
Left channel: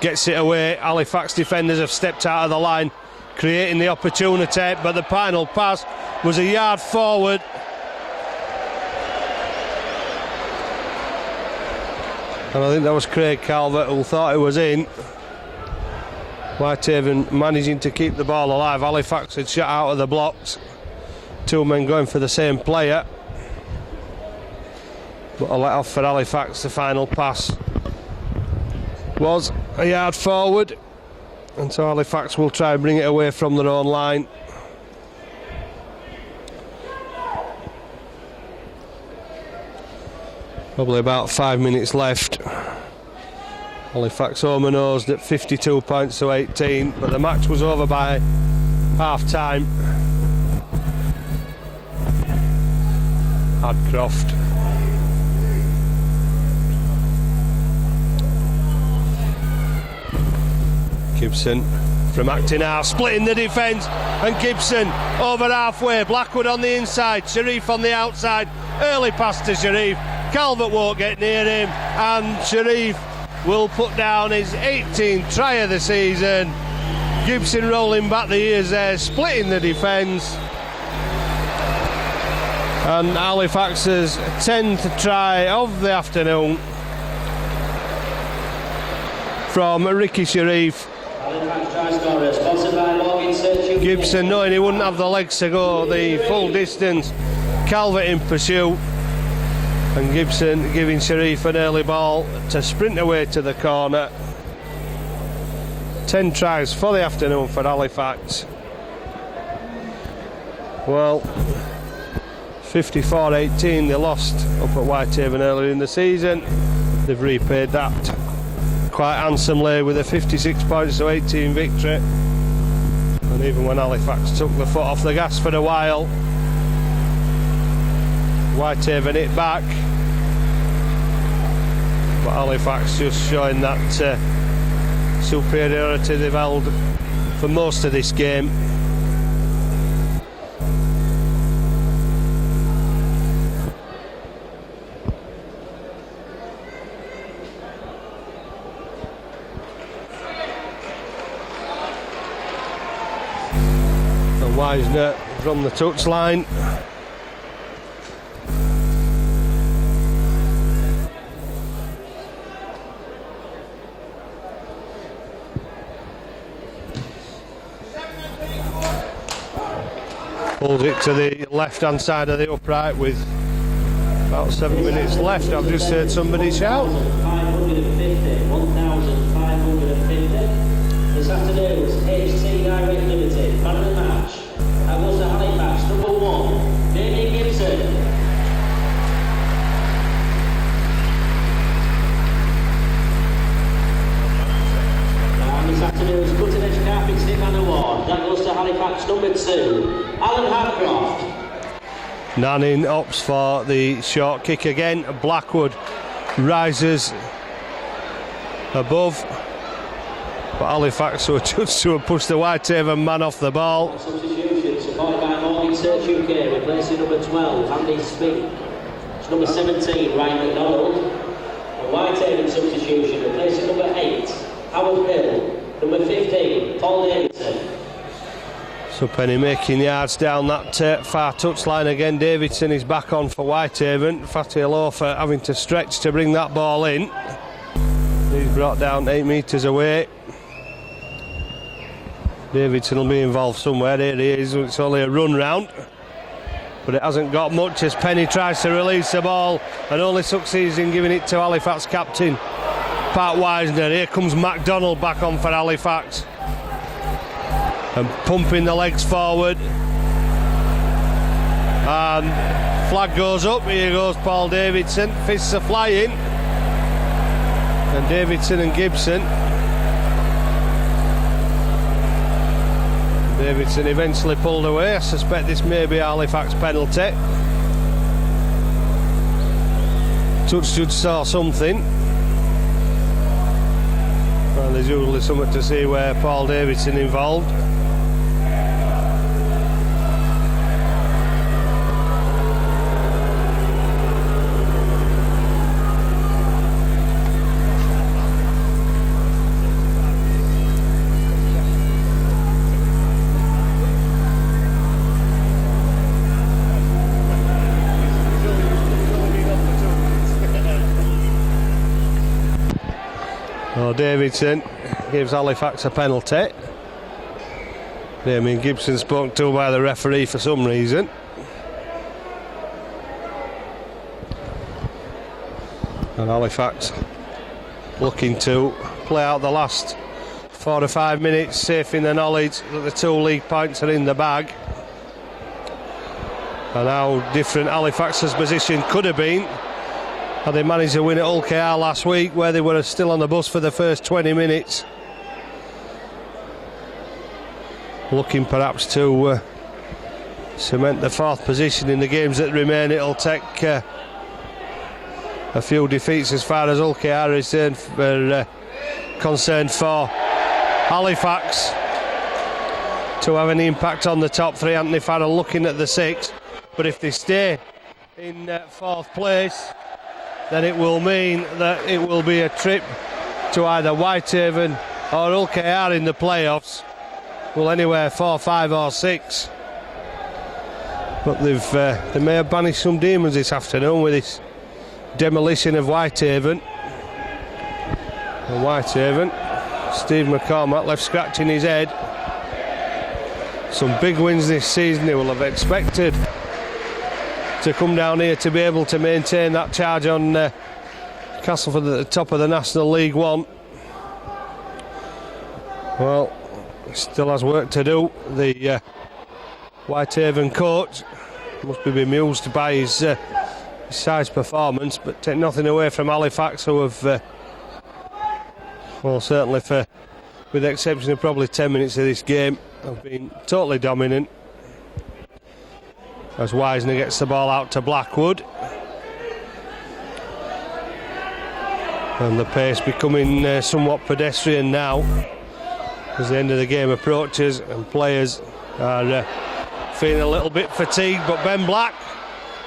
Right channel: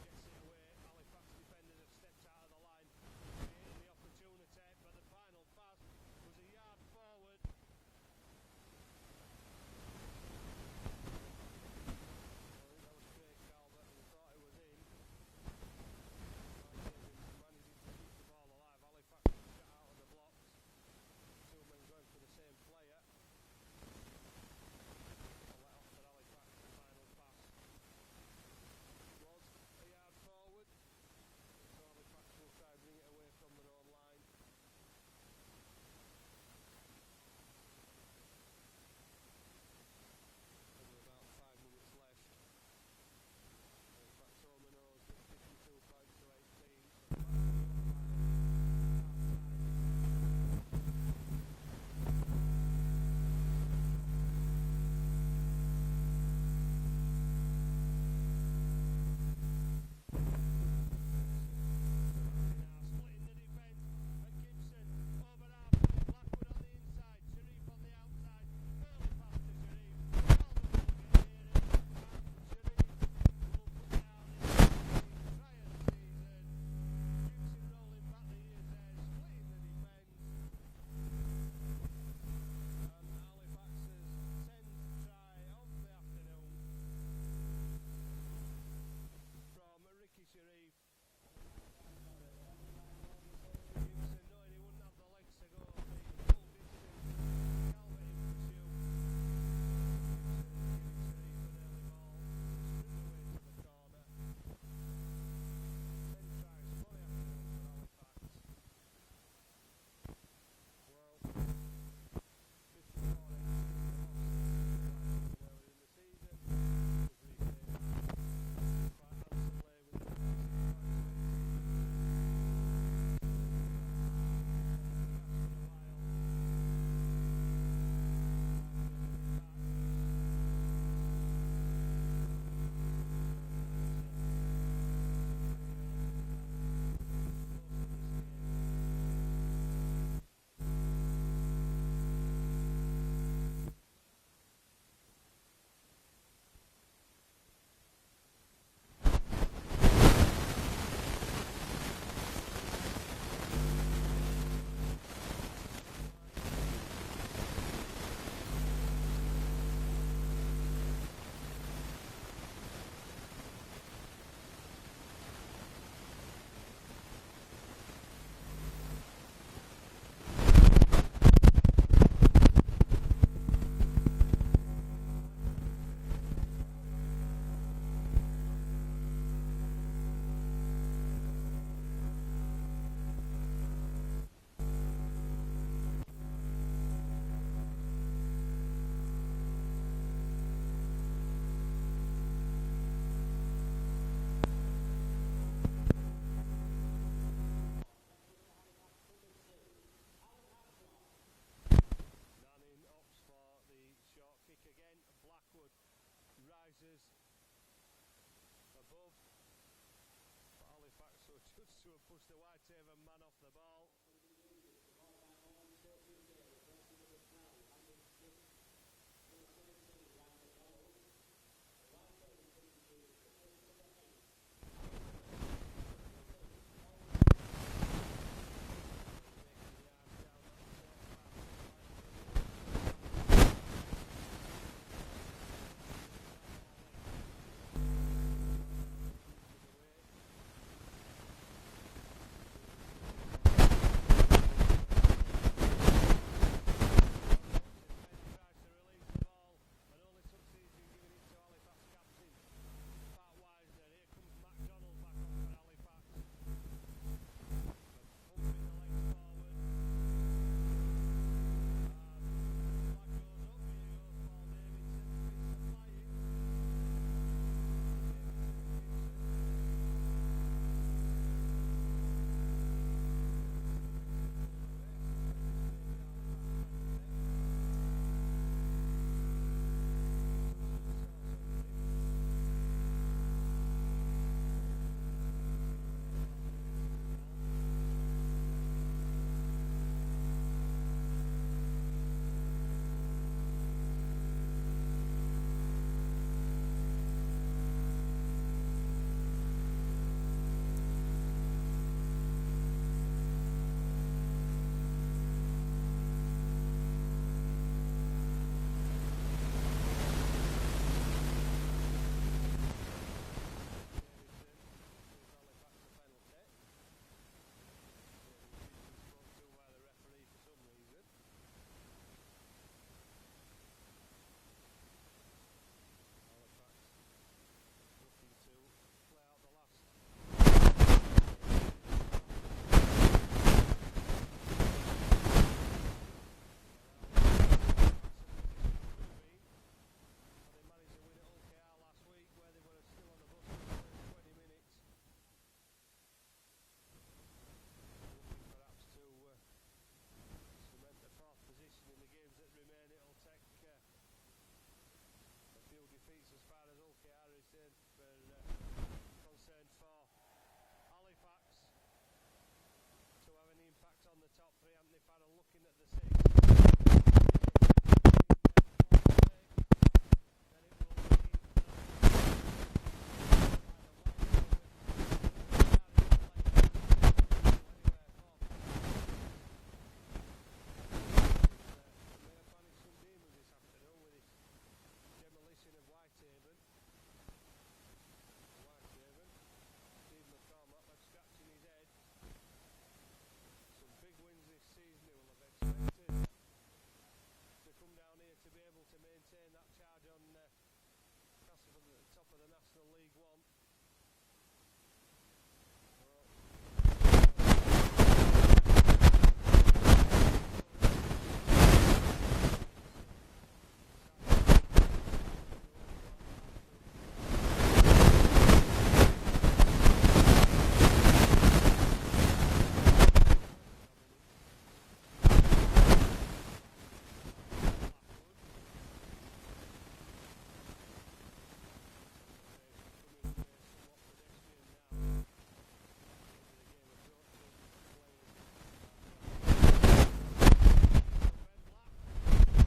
gets it away. Halifax defenders have stepped out of the line, creating the opportunity, but the final pass was a yard forward. And I think that was Craig Calvert who thought it was in. Whitehaven managing to keep the ball alive. Halifax had shot out of the blocks. 2 men going for the same player. But a let off for Halifax. The final pass was a yard forward. And so Halifax will try and bring it away from their own line. Probably about 5 minutes left. Halifax home and nosed at 52 points to 18, but the match was over by half time. Hadcroft. Gibson from acting half, splitting the defence, and Gibson over halfway. Blackwood on the inside, Sharif on the outside. Early pass to Sharif. Calvert won't get near him, and Sharif will put down his 18th try of the season. Gibson rolling back the ears there, splitting the defence. And Halifax's 10th try of the afternoon from Ricky Sharif. Gibson, knowing he wouldn't have the legs to go the full distance. Calvert in pursuit. And Gibson giving Sharif an early ball to sprint away to the corner. 10 tries for the afternoon for Halifax. Well, 54-18 they lost up at Whitehaven earlier in the season. They've repaid that quite handsomely with a 56 points to 18 victory. And even when Halifax took the foot off the gas for a while, Whitehaven hit back, but Halifax just showing that superiority they've held for most of this game. And Wisner from the touchline. Pulls it to the left-hand side of the upright with about 7 minutes left. I've just heard somebody shout. 1,550. This afternoon's HT Direct Limited man of the match. That goes to Halifax, number 1, Damien Gibson. And this afternoon's cutting edge carpet stick man award. That goes to Halifax, number 2, Alan Hadcroft. Nanning opts for the short kick again. Blackwood rises above, but Halifax were just to push the Whitehaven man off the ball. Substitution supported by Morgan Search UK, replacing number 12, Andy Spink. It's number 17, Ryan McDonald. A Whitehaven substitution, replacing number 8, Howard Hill. Number 15, Paul Davidson. So Penny making yards down that far touchline again. Davidson is back on for Whitehaven. Fatty Alofa having to stretch to bring that ball in. He's brought down 8 metres away. Davidson will be involved somewhere. Here he is. It's only a run round, but it hasn't got much as Penny tries to release the ball and only succeeds in giving it to Halifax captain Pat Wisner. Here comes MacDonald back on for Halifax and pumping the legs forward, and flag goes up. Here goes Paul Davidson. Fists are flying, and Davidson and Gibson Davidson eventually pulled away. I suspect this may be a Halifax penalty. Touch should saw something. And there's usually something to see where Paul Davidson involved. Davidson gives Halifax a penalty. Damien Gibson spoken to by the referee for some reason. And Halifax looking to play out the last 4 or 5 minutes, safe in the knowledge that the 2 league points are in the bag. And how different Halifax's position could have been had they managed to win at Hull KR last week, where they were still on the bus for the first 20 minutes. Looking perhaps to cement the 4th position in the games that remain. It'll take a few defeats as far as Hull KR is concerned for Halifax to have an impact on the top 3. Anthony Farrell looking at the 6, but if they stay in 4th place, then it will mean that it will be a trip to either Whitehaven or Hull KR in the playoffs. Well, anywhere 4, 5 or 6. But they may have banished some demons this afternoon with this demolition of Whitehaven. And Whitehaven, Steve McCormack left scratching his head. Some big wins this season they will have expected to come down here to be able to maintain that charge on Castleford at the top of the National League One. Well, still has work to do. The Whitehaven coach will be amused by his side's performance, but take nothing away from Halifax, who have, well, certainly with the exception of probably 10 minutes of this game, have been totally dominant. As Wisner gets the ball out to Blackwood. And the pace becoming somewhat pedestrian now as the end of the game approaches and players are feeling a little bit fatigued, but Ben Black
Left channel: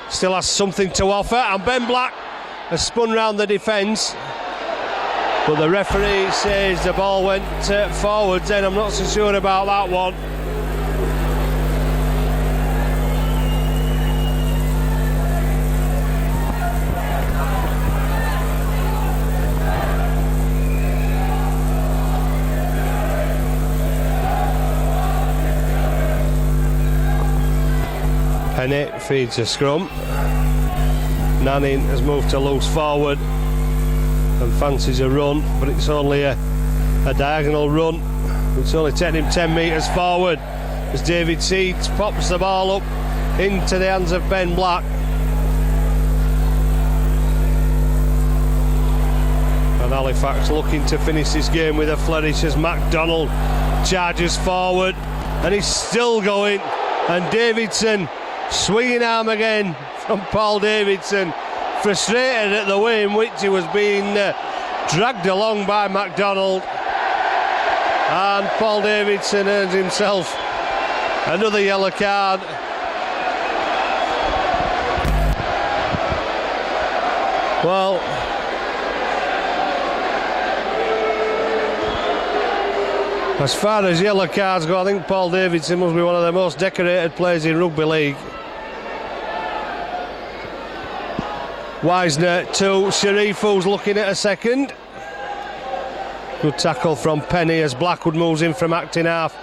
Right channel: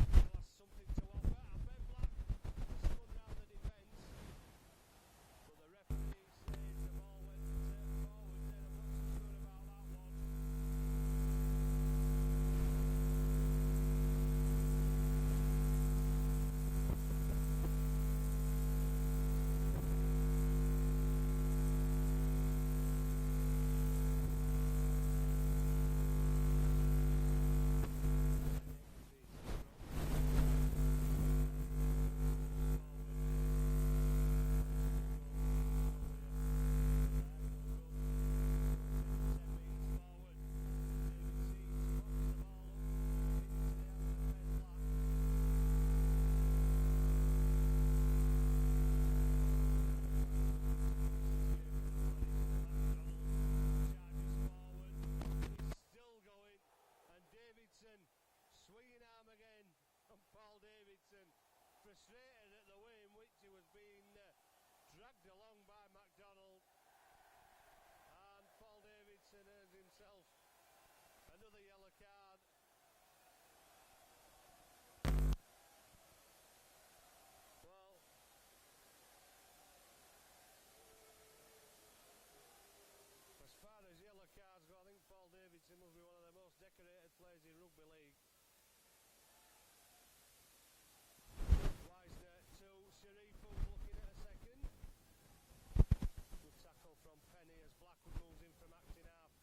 still has something to offer, and Ben Black has spun round the defence, but the referee says the ball went forwards, and I'm not so sure about that one. Penny feeds a scrum. Nanning has moved to loose forward and fancies a run, but it's only a diagonal run. It's only taking him 10 metres forward as David Seeds pops the ball up into the hands of Ben Black. And Halifax looking to finish this game with a flourish as MacDonald charges forward, and he's still going, and Davidson swinging arm again from Paul Davidson, frustrated at the way in which he was being dragged along by MacDonald, and Paul Davidson earns himself another yellow card. Well, as far as yellow cards go, I think Paul Davidson must be one of the most decorated players in rugby league. Wisner to Sharif, who's looking at a second. Good tackle from Penny as Blackwood moves in from acting half.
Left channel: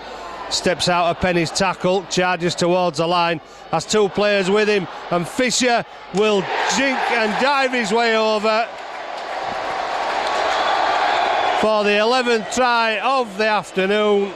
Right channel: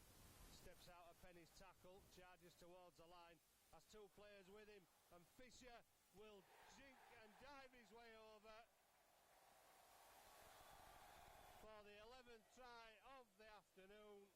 Steps out of Penny's tackle, charges towards the line, has 2 players with him, and Fisher will jink and dive his way over for the 11th try of the afternoon.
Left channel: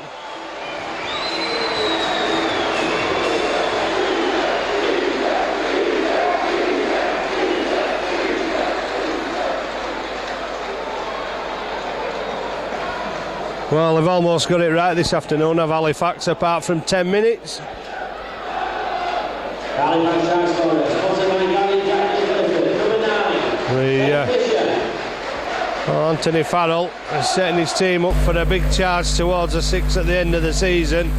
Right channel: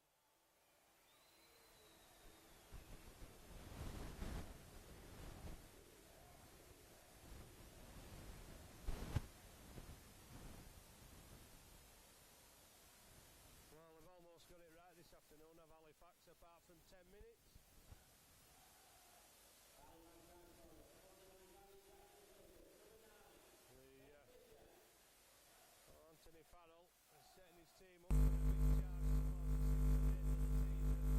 Well, they've almost got it right this afternoon, have Halifax, apart from 10 minutes. Anthony Farrell is setting his team up for a big charge towards a 6 at the end of the season.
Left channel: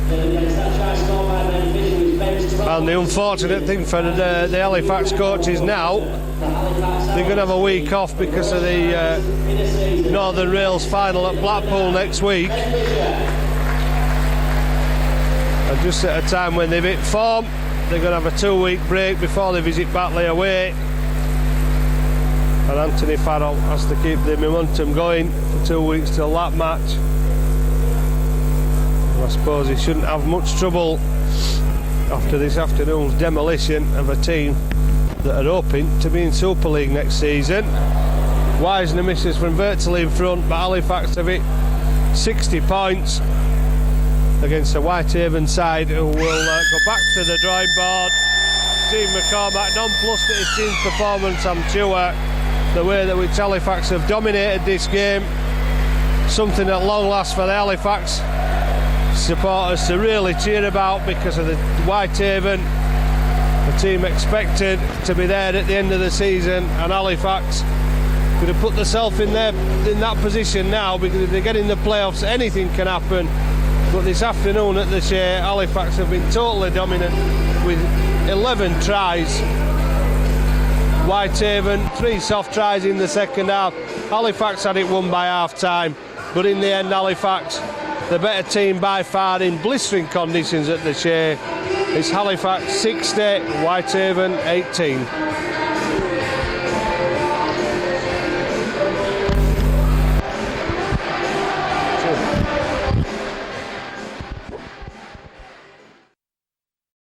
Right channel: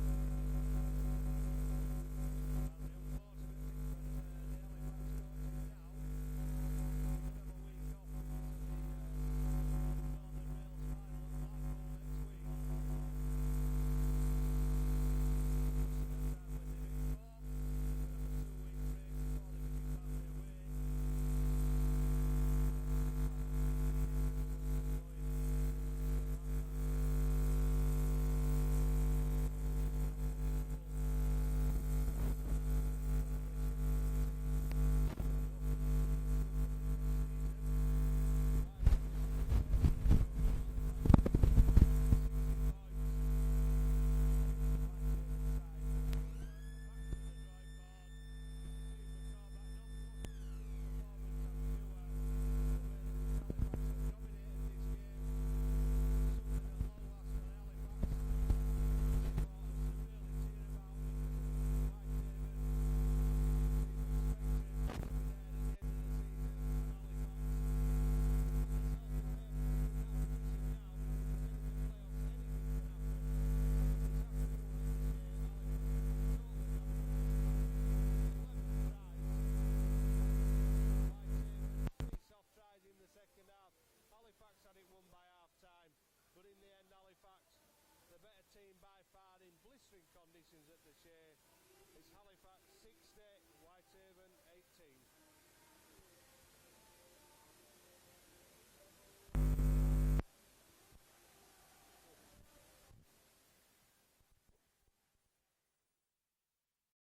And the unfortunate thing for the Halifax coaches now, they're going to have a week off because of the Northern Rails final at Blackpool next week. And just at a time when they've hit form, they're going to have a 2-week break before they visit Batley away. And Anthony Farrell has to keep the momentum going for 2 weeks till that match. And I suppose he shouldn't have much trouble after this afternoon's demolition of a team that are hoping to be in Super League next season. Wisner misses from virtually in front, but Halifax have hit 60 points against the Whitehaven side, who will go back to the drawing board. Steve McCormack nonplussed at his team's performance, I'm sure. The way that which Halifax have dominated this game, something at long last for the Halifax supporters to really cheer about, because of the Whitehaven, the team expected to be there at the end of the season, and Halifax could have put themselves in that position now, because if they get in the playoffs anything can happen. But this afternoon at the Shea, Halifax have been totally dominant with 11 tries. Whitehaven, 3 soft tries in the second half. Halifax had it won by half time, but in the end Halifax, the better team by far in blistering conditions at the Shea. It's Halifax 60, Whitehaven 18.